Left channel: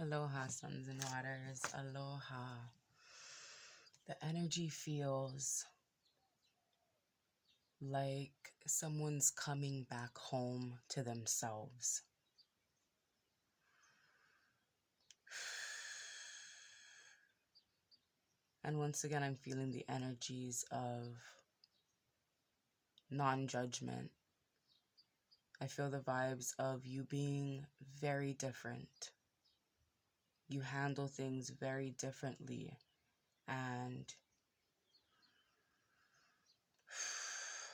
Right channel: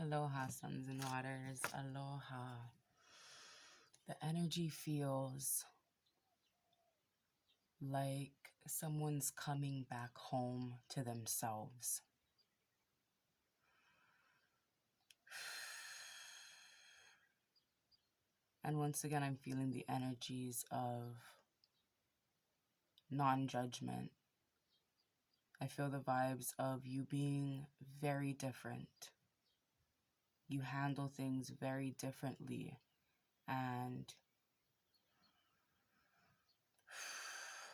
Aloha, suns and waters. Aloha. The energy feels like someone's coming back home to themselves. And once again, I'm feeling the energies of non-judgment. I feel the vibes of you being very different. You handle things very differently. And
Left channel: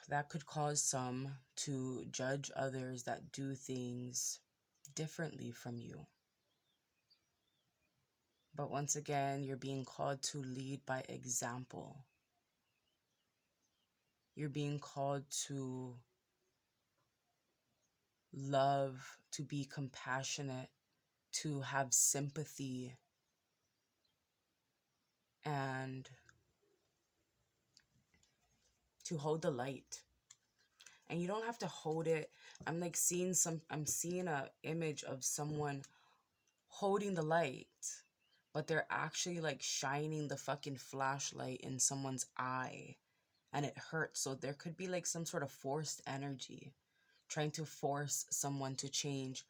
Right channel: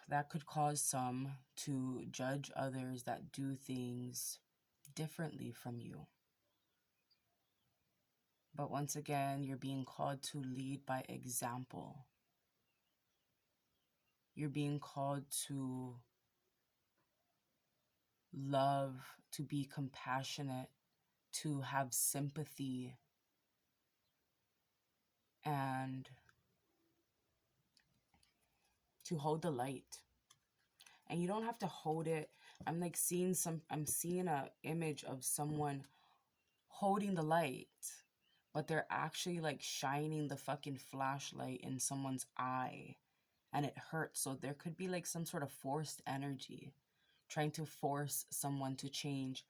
that could cause some to judge others that do things differently from you. But once again, you're being called to lead by example. You're being called to love, to be compassionate, to have sympathy, and to hold the light. And you don't have to hold it. I'm seeing a image of someone holding the light, but they're actually like shining the fucking flashlight in someone's eye, and it hurts. So there could be like some sort of forced energy, trying to force someone to change,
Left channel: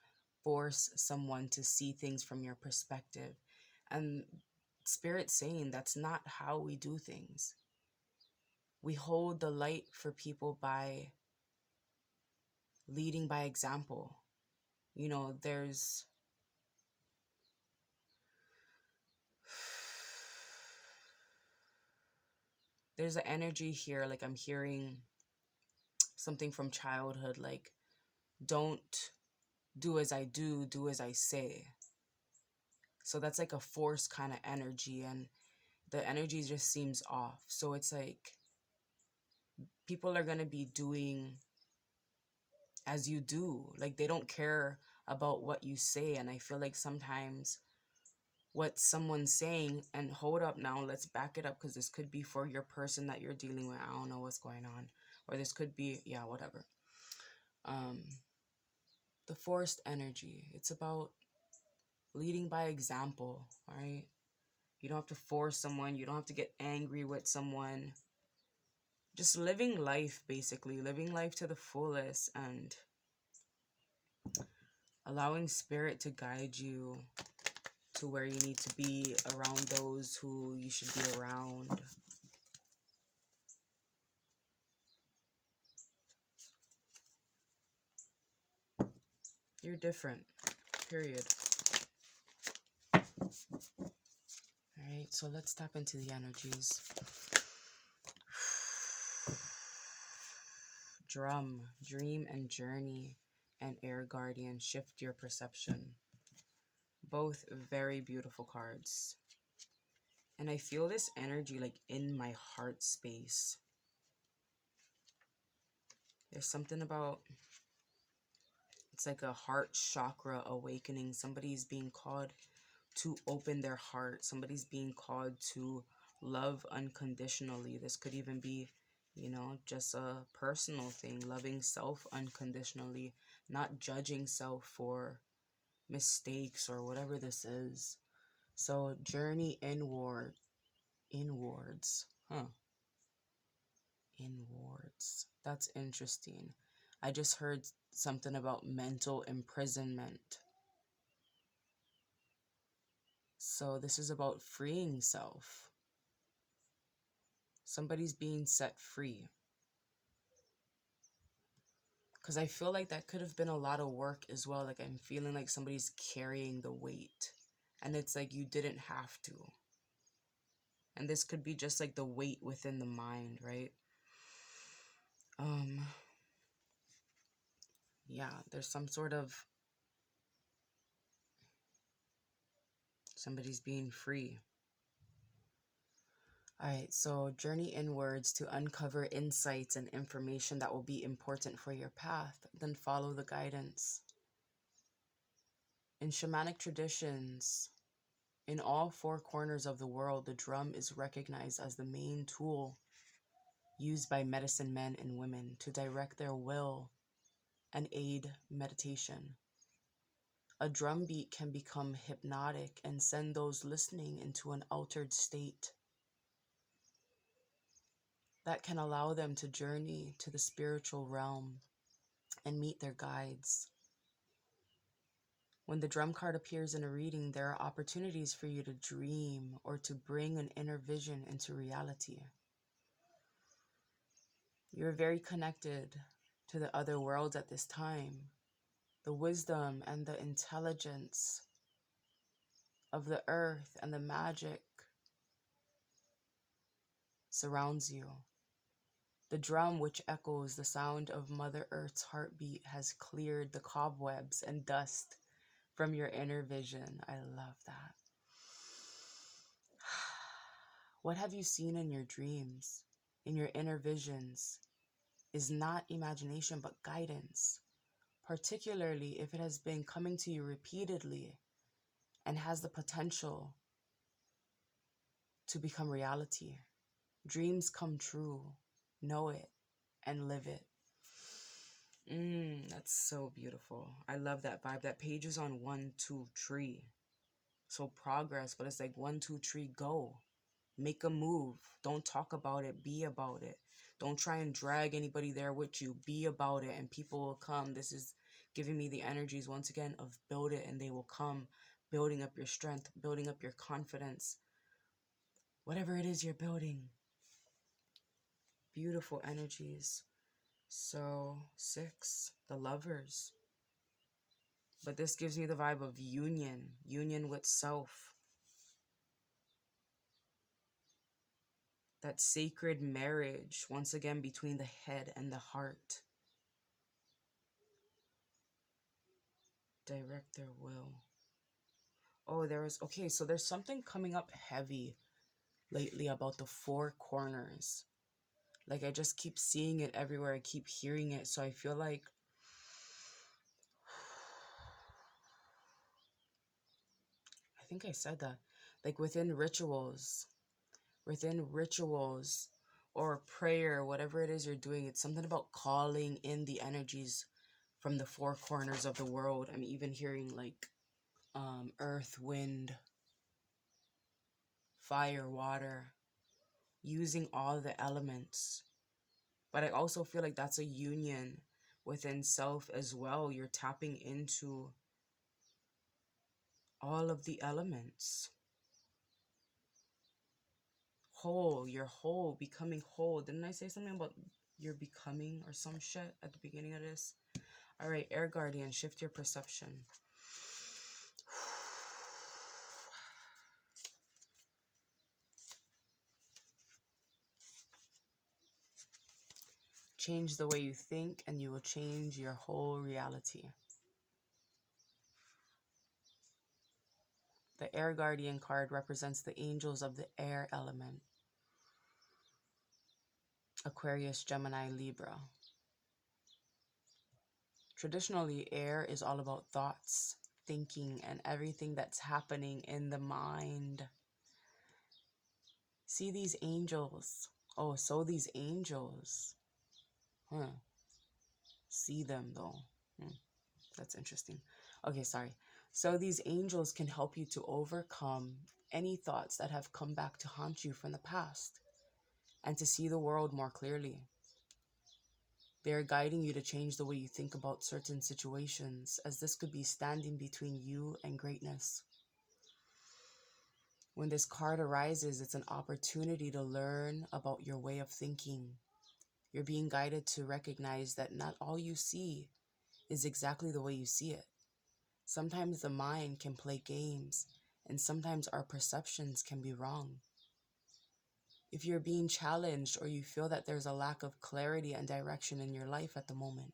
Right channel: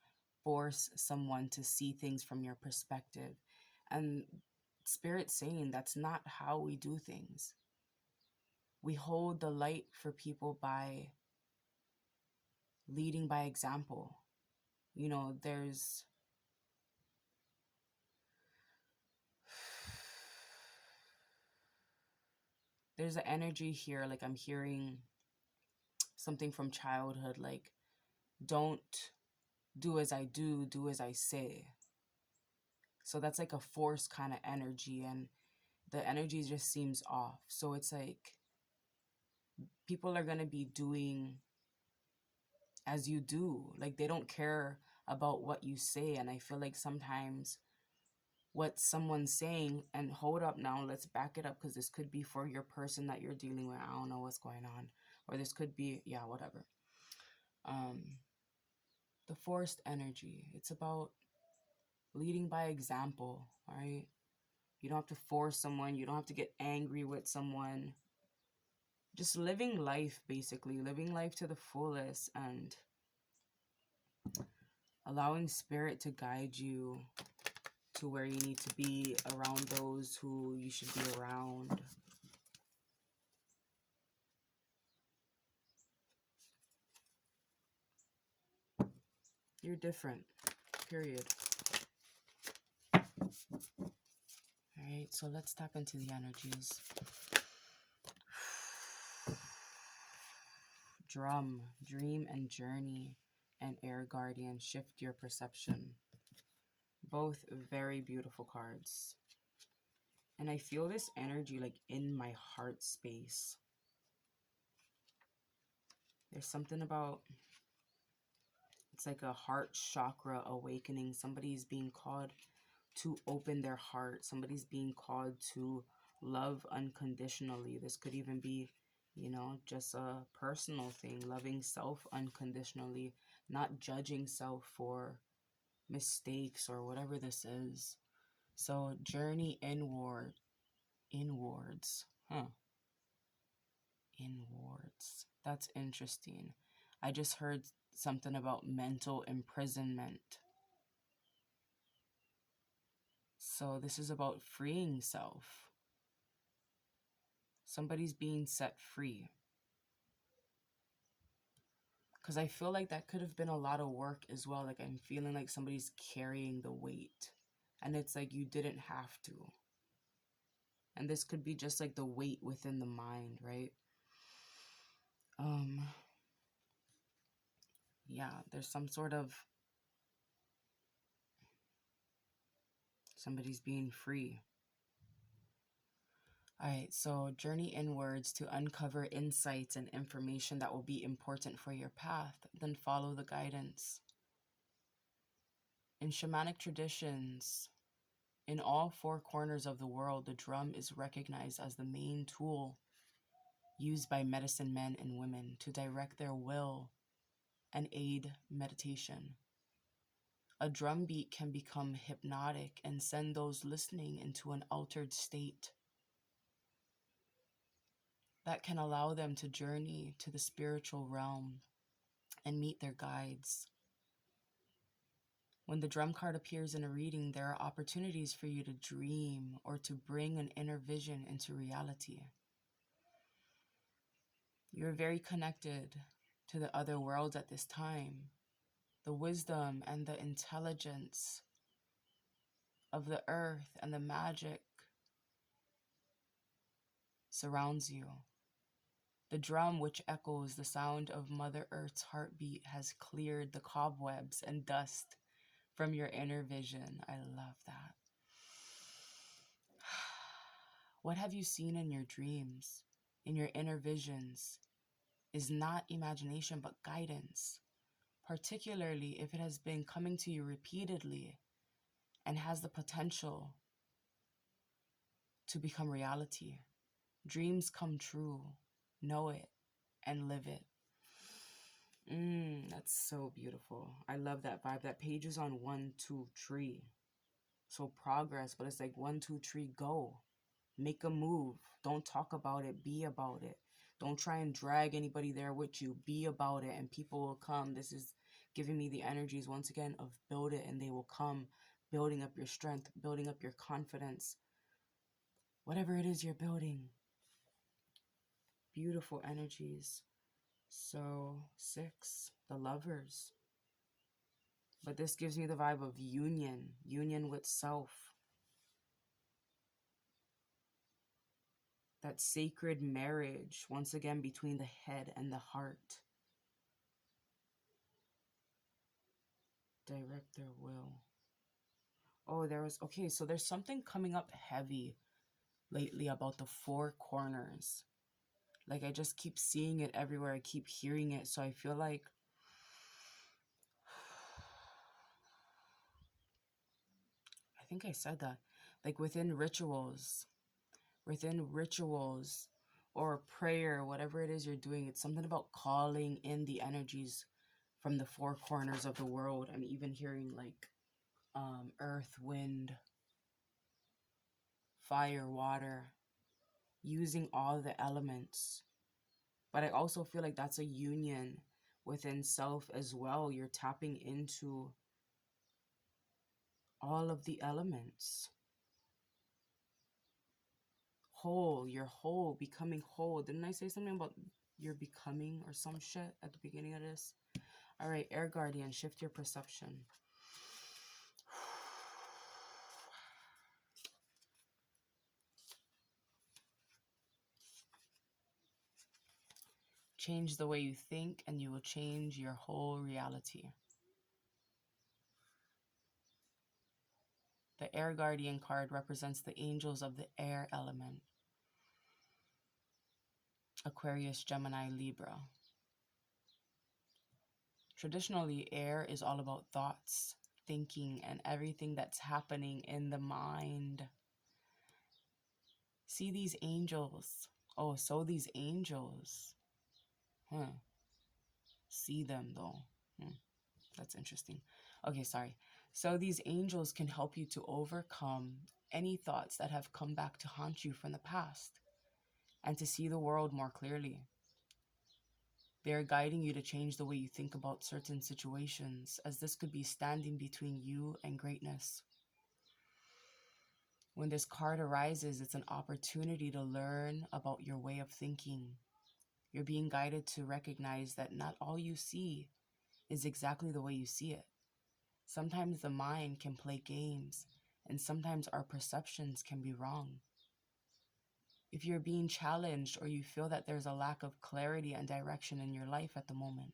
force someone to see things from your perspective. And Spirit saying that's not how we do things. We hold the light for people by leading by example. You know, there's an energy here, like I'm hearing something from childhood, like don't do as I do, do as I say. So that's like a force kind of energy, and the energy just seems off. So it's like people are going to be doing as you do. Like they don't care about what you say. And I feel like sometimes what someone's saying, and hold up now, let's back it up, because this could be for your person that you're dealing with. I don't know what's going on. Or this could be, yeah, whatever. The forced energy. It's about leading by example, right? You don't have to force someone. You don't have to get angry with someone. Just living life, basically. Living life to the fullest and allowing spirit to guide you to where you need to be, around those who you should be around. You're different, period. Alright, so let's tap into the energies. Drum, dream and journey, and air guardian, shift your perception. Both very beautiful cards. And I feel this energy like in my heart space. There's something about, it's like a heart chakra awakening. Somebody's being called to open their heart. Somebody's being called to love unconditionally. This could even be, you know, just a personal thing. Loving self unconditionally. Not judging self for mistakes or whatever this is. So journey inwards. Inwards. That's interesting. I just heard something about mental imprisonment. So this is about freeing self. Somebody's being set free. Because I feel like that could have been a lot of work as well. Like I'm feeling like somebody's carrying the weight. And it's like you didn't have to. And this could be just like the weight within the mind, right? Yeah, there's some sort of, somebody's being free. All right, so journey inwards to uncover insights and information that will be important for your path. Then follow the guidance. In shamanic traditions, in all four corners of the world, the drum is recognized as the main tool used by medicine men and women to direct their will and aid meditation. A drum beat can become hypnotic and send those listening into an altered state that can allow them to journey to the spiritual realm and meet their guides. When the drum card appears in a reading, there are opportunities for you to dream or to bring an inner vision into reality. You're very connected to the other worlds at this time. The wisdom and the intelligence of the earth and the magic surrounds you. The drum, which echoes the sound of Mother Earth's heartbeat, has cleared the cobwebs and dust from your inner vision. I love that. What have you seen in your dreams, in your inner visions, is not imagination but guidance, particularly if it has been coming to you repeatedly and has the potential to become reality. Dreams come true. Know it and live it. That's so beautiful. I love that vibe. That page is on 1, 2, tree. So progress, but it's like 1, 2, tree, go. Make a move. Don't talk about it. Be about it. Don't try and drag anybody there with you. Be about it and people will come. This is giving me the energies once again of build it and they will come. Building up your strength, building up your confidence. Whatever it is you're building. Beautiful energies. So 6, the Lovers. But this gives me the vibe of union with self. That sacred marriage, once again, between the head and the heart. Direct their will. Oh, okay, so there's something coming up heavy lately about the 4 corners. Like, I just keep seeing it everywhere. I keep hearing it. So I feel like I think I said that. Like within rituals or prayer, whatever it is you're doing, it's something about calling in the energies from the 4 corners of the world. I'm even hearing like earth, wind, fire, water, using all the elements. But I also feel like that's a union within self as well. You're tapping into all of the elements. Whole, you're whole, becoming whole. Didn't I say something about you're becoming or some shit at the beginning of this? All right, Air Guardian, shift your perception. Change the way you think and you will change your whole reality. The Air Guardian card represents the angels of the air element. Aquarius, Gemini, Libra. Traditionally, air is all about thoughts, thinking, and everything that's happening in the mind. See these angels. Oh, so these angels. See them though. That's interesting. Okay, sorry. So these angels can help you to overcome any thoughts that have come back to haunt you from the past and to see the world more clearly. They are guiding you to change the way you think about certain situations, as this could be standing between you and greatness. When this card arises, it's an opportunity to learn about your way of thinking. You're being guided to recognize that not all you see is exactly the way you see it. Sometimes the mind can play games, and sometimes our perceptions can be wrong. If you're being challenged or you feel that there's a lack of clarity and direction in your life at the moment,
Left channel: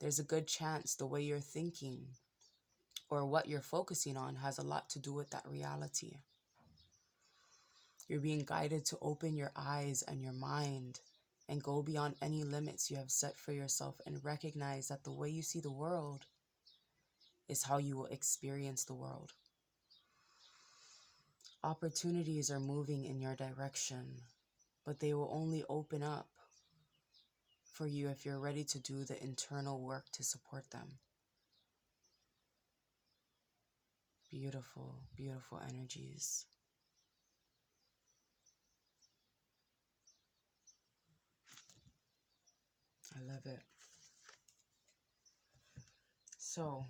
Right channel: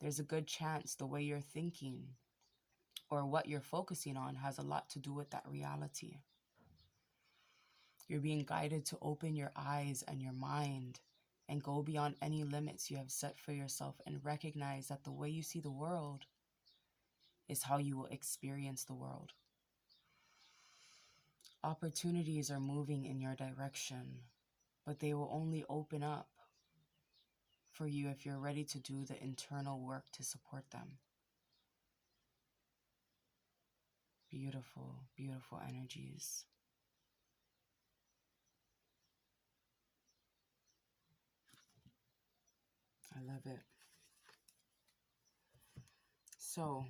there's a good chance the way you're thinking or what you're focusing on has a lot to do with that reality. You're being guided to open your eyes and your mind and go beyond any limits you have set for yourself and recognize that the way you see the world is how you will experience the world. Opportunities are moving in your direction, but they will only open up for you if you're ready to do the internal work to support them. Beautiful, beautiful energies. I love it. So,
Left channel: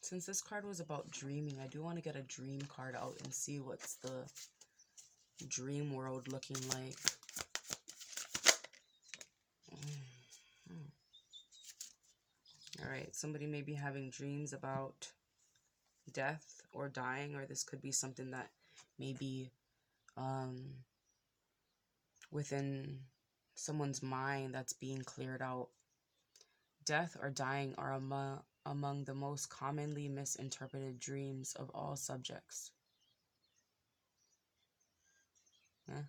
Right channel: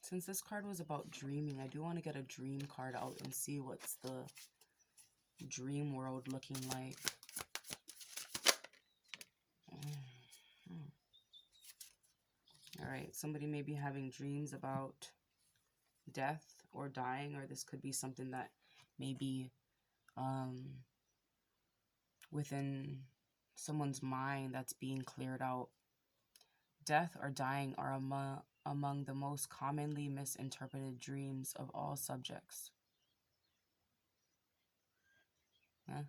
since this card was about dreaming, I do want to get a dream card out and see what's the dream world looking like. All right, somebody may be having dreams about death or dying, or this could be something that maybe within someone's mind that's being cleared out. Death or dying are among the most commonly misinterpreted dreams of all subjects. Yeah.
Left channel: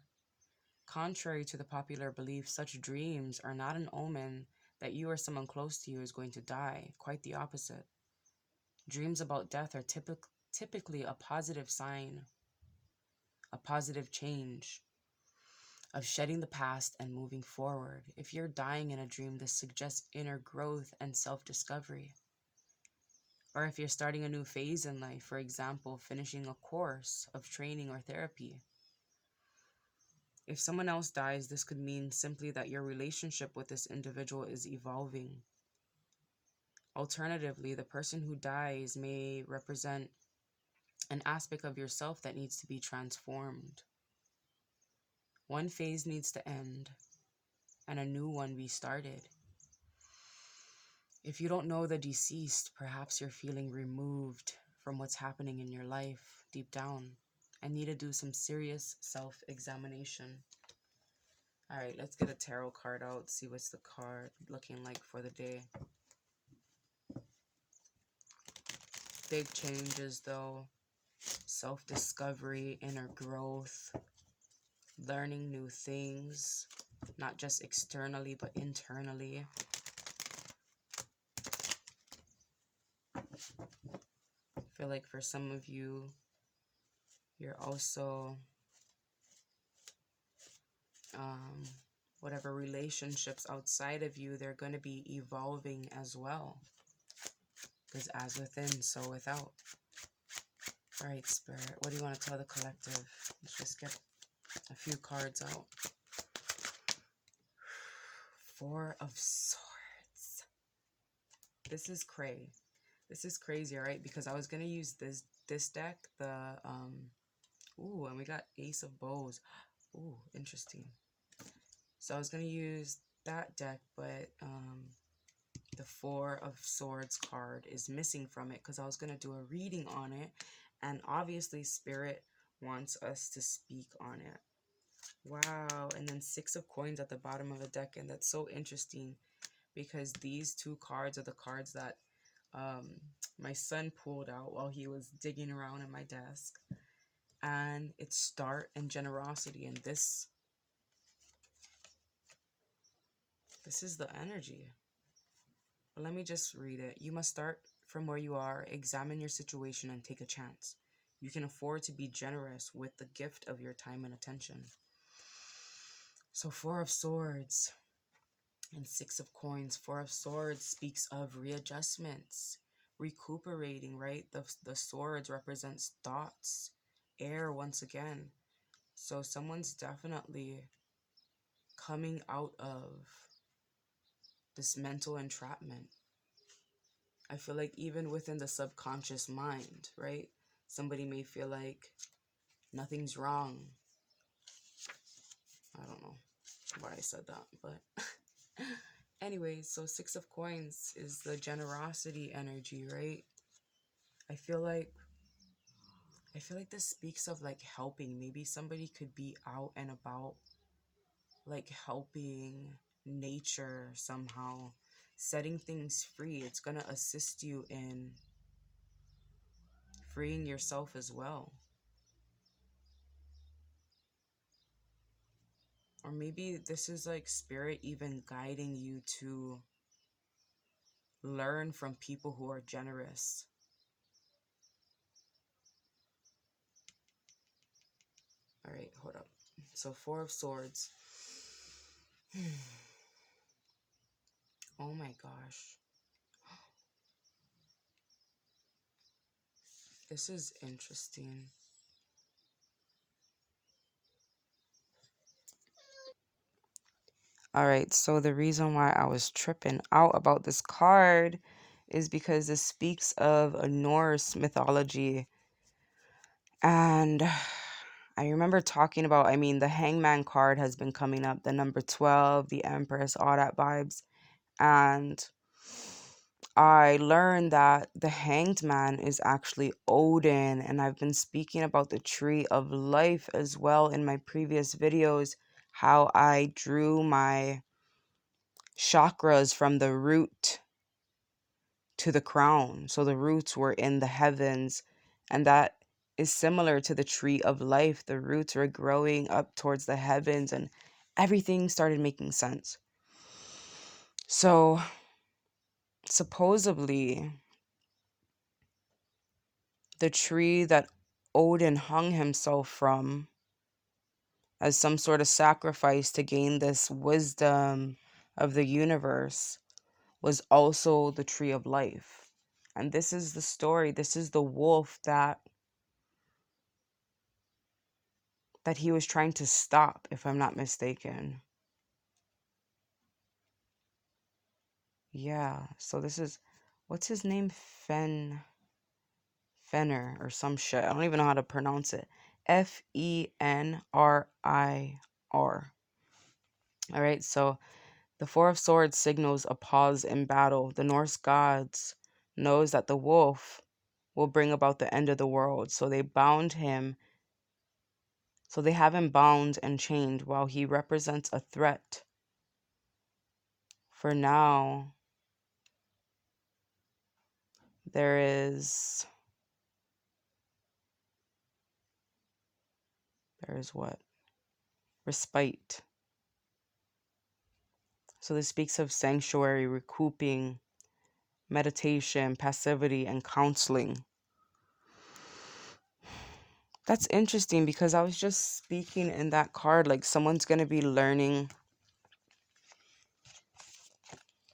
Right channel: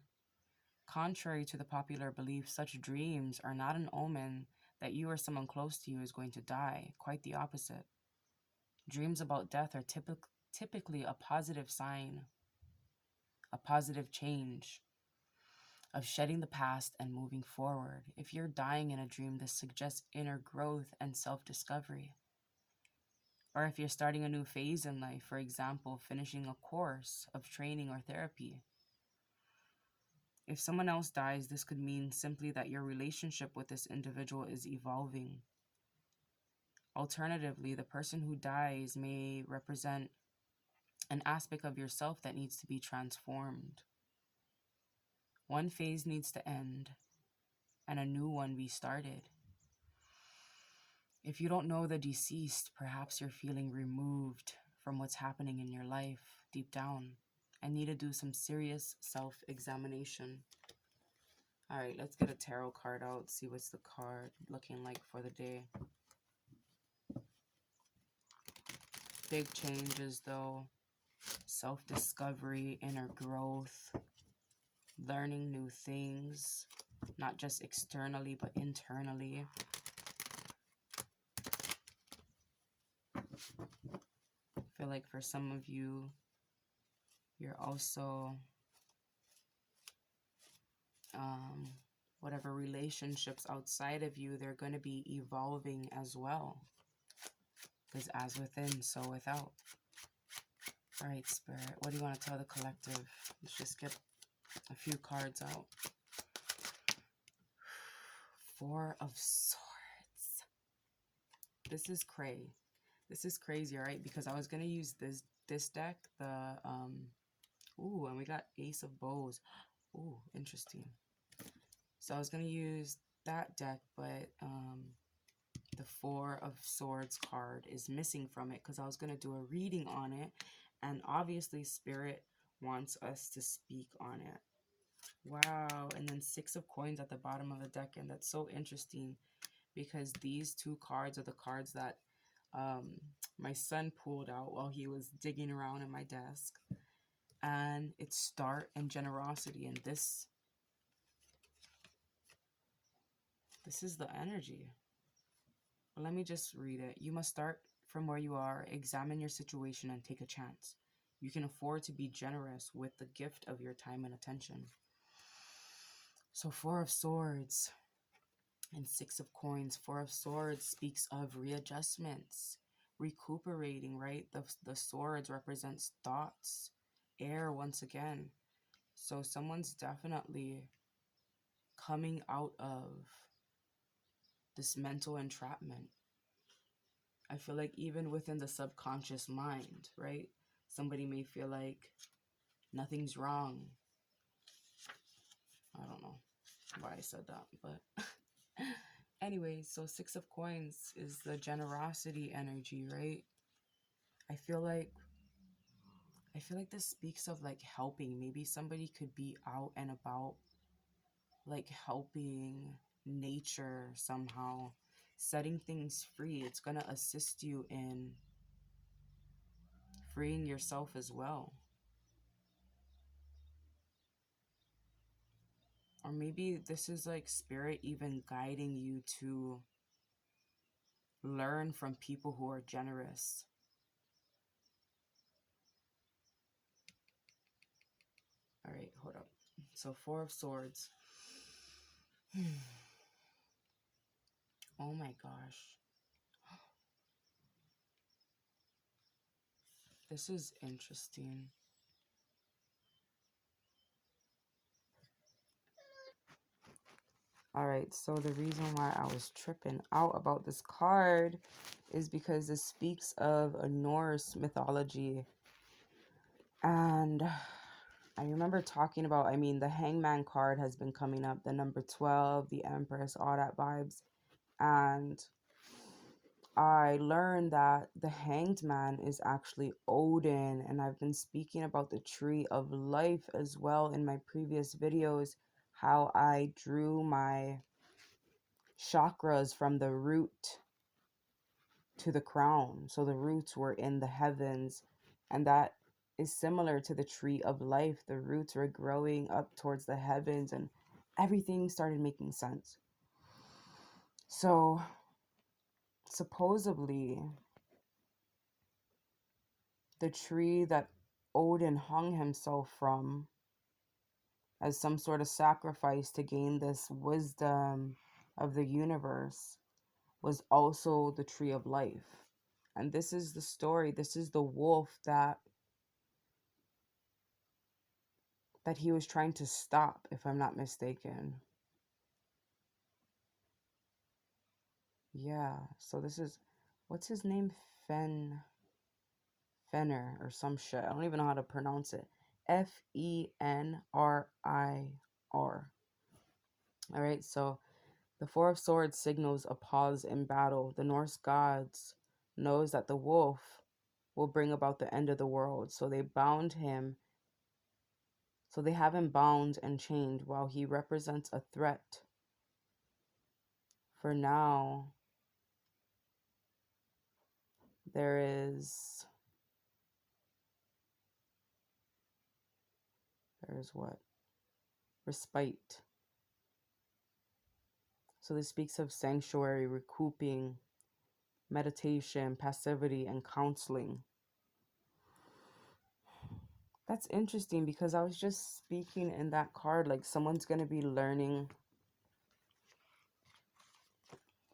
Contrary to the popular belief, such dreams are not an omen that you or someone close to you is going to die. Quite the opposite. Dreams about death are typically a positive sign, a positive change of shedding the past and moving forward. If you're dying in a dream, this suggests inner growth and self-discovery. Or if you're starting a new phase in life, for example, finishing a course of training or therapy. If someone else dies, this could mean simply that your relationship with this individual is evolving. Alternatively, the person who dies may represent an aspect of yourself that needs to be transformed. One phase needs to end and a new one be started. If you don't know the deceased, perhaps you're feeling removed from what's happening in your life deep down and need to do some serious self-examination. All right, let's get a tarot card out, see what's the card looking like for the day. Big changes though, self-discovery, inner growth, learning new things, not just externally, but internally. I feel like for some of you, you're also, whatever relationships outside of you, they're going to be evolving as well. Because as within, so without. All right, Spirit, what do you want to tell the collective? Let's just get a few cards out. Four of Swords. This is cray. This is crazy, all right? Because I was going to use this deck, ooh, and we got Ace of Bows. Ooh, interesting. So I was going to use that deck, but the Four of Swords card is missing from it because I was going to do a reading on it. And obviously, Spirit wants us to speak on it. Wow. And then Six of Coins at the bottom of the deck. And that's so interesting because these two cards are the cards that my son pulled out while he was digging around in my desk. And it's start and generosity. And this is the energy. But let me just read it. You must start from where you are, examine your situation, and take a chance. You can afford to be generous with the gift of your time and attention. So Four of Swords and Six of Coins. Four of Swords speaks of readjustments, recuperating, right? The swords represents thoughts, air once again. So someone's definitely coming out of this mental entrapment. I feel like even within the subconscious mind, right? Somebody may feel like nothing's wrong. I don't know why I said that, but anyway, so Six of Coins is the generosity energy, right? I feel like this speaks of like helping. Maybe somebody could be out and about, like helping nature somehow, setting things free. It's gonna assist you in freeing yourself as well. Or maybe this is like Spirit even guiding you to learn from people who are generous. All right, hold up. So Four of Swords. Oh my gosh. This is interesting. All right, so the reason why I was tripping out about this card is because this speaks of a Norse mythology. And I remember talking about, I mean, the Hangman card has been coming up, the number 12, the Empress, all that vibes. And I learned that the Hanged Man is actually Odin. And I've been speaking about the Tree of Life as well in my previous videos, how I drew my chakras from the root to the crown. So the roots were in the heavens, and that is similar to the tree of life. The roots were growing up towards the heavens, and everything started making sense. So supposedly, the tree that Odin hung himself from as some sort of sacrifice to gain this wisdom of the universe was also the tree of life. And this is the story. This is the wolf that he was trying to stop, if I'm not mistaken. Yeah. So this is, what's his name? Fenrir or some shit. I don't even know how to pronounce it. Fenrir. All right. So the Four of Swords signals a pause in battle. The Norse gods knows that the wolf will bring about the end of the world. So they bound him. So they have him bound and chained while he represents a threat. For now, there is what? Respite. So this speaks of sanctuary, recouping, meditation, passivity, and counseling. That's interesting because I was just speaking in that card like someone's going to be learning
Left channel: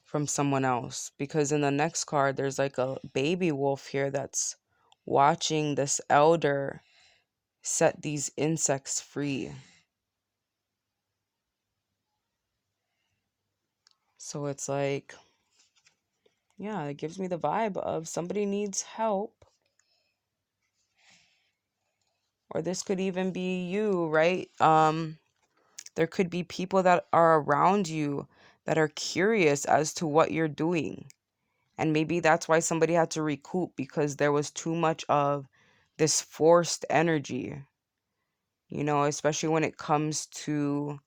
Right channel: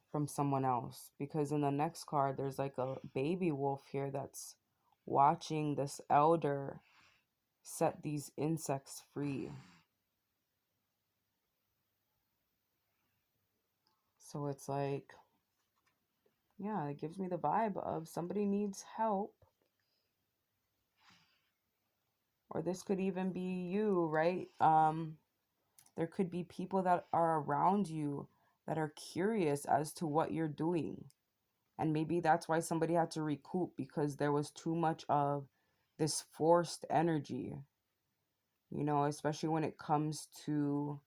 from someone else. Because in the next card, there's like a baby wolf here that's watching this elder set these insects free. So it's like, yeah, it gives me the vibe of somebody needs help. Or this could even be you, right? There could be people that are around you that are curious as to what you're doing. And maybe that's why somebody had to recoup because there was too much of this forced energy, especially when it comes to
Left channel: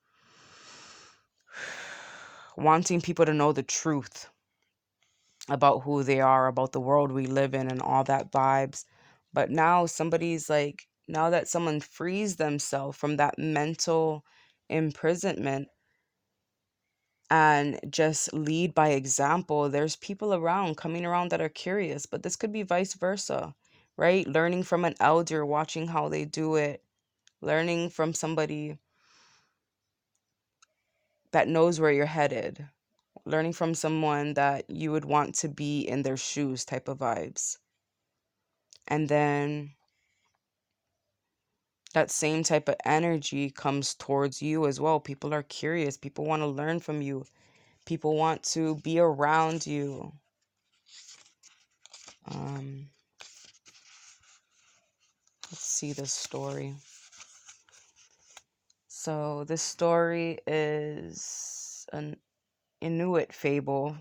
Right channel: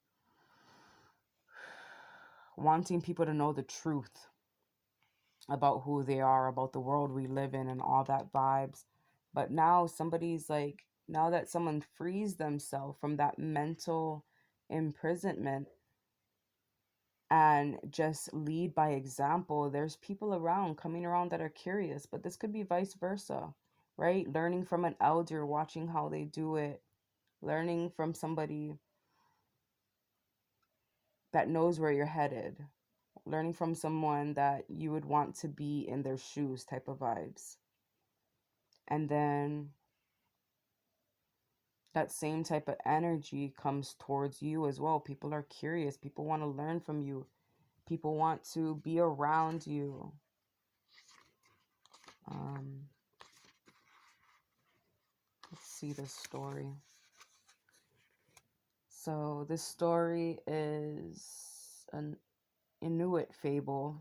wanting people to know the truth about who they are, about the world we live in, and all that vibes. But now somebody's like, now that someone frees themselves from that mental imprisonment and just lead by example, there's people around coming around that are curious. But this could be vice versa, right? Learning from an elder, watching how they do it, learning from somebody that knows where you're headed, learning from someone that you would want to be in their shoes type of vibes. And then that same type of energy comes towards you as well. People are curious. People want to learn from you. People want to be around you. Let's see this story. So this story is an Inuit fable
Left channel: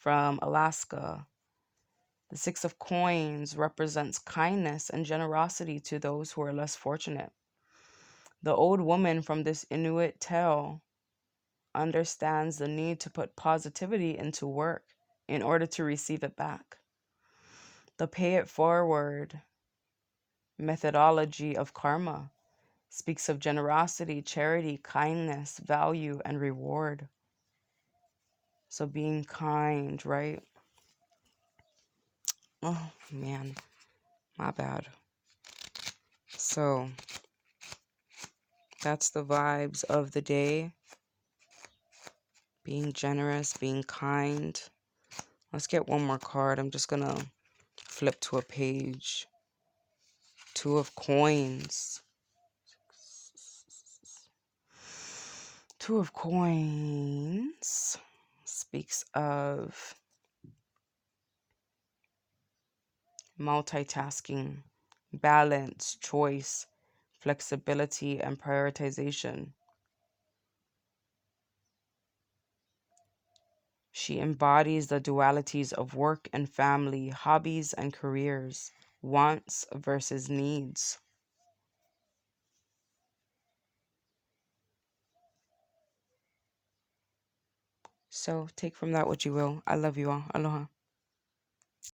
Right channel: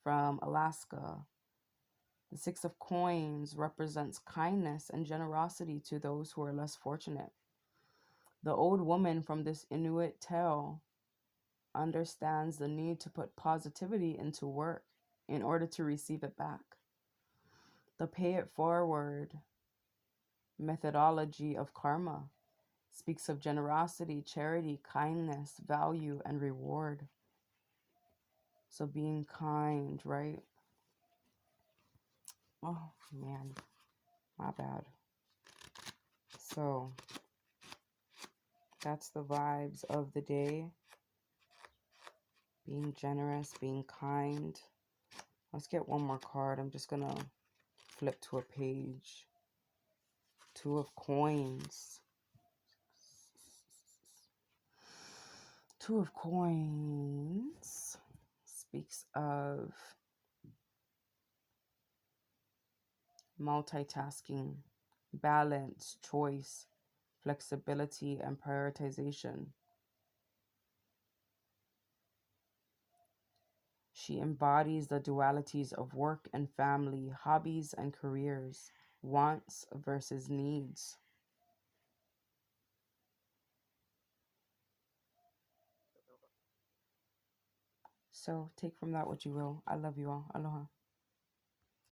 from Alaska. The Six of Coins represents kindness and generosity to those who are less fortunate. The old woman from this Inuit tale understands the need to put positivity into work in order to receive it back. The pay it forward methodology of karma speaks of generosity, charity, kindness, value, and reward. So being kind, right? Oh, man, my bad. So that's the vibes of the day. Being generous, being kind. Let's get one more card. I'm just going to flip to a page. Two of Coins. Two of Coins speaks of multitasking, balance, choice, flexibility, and prioritization. She embodies the dualities of work and family, hobbies and careers, wants versus needs. So take from that what you will. I love you all. Aloha.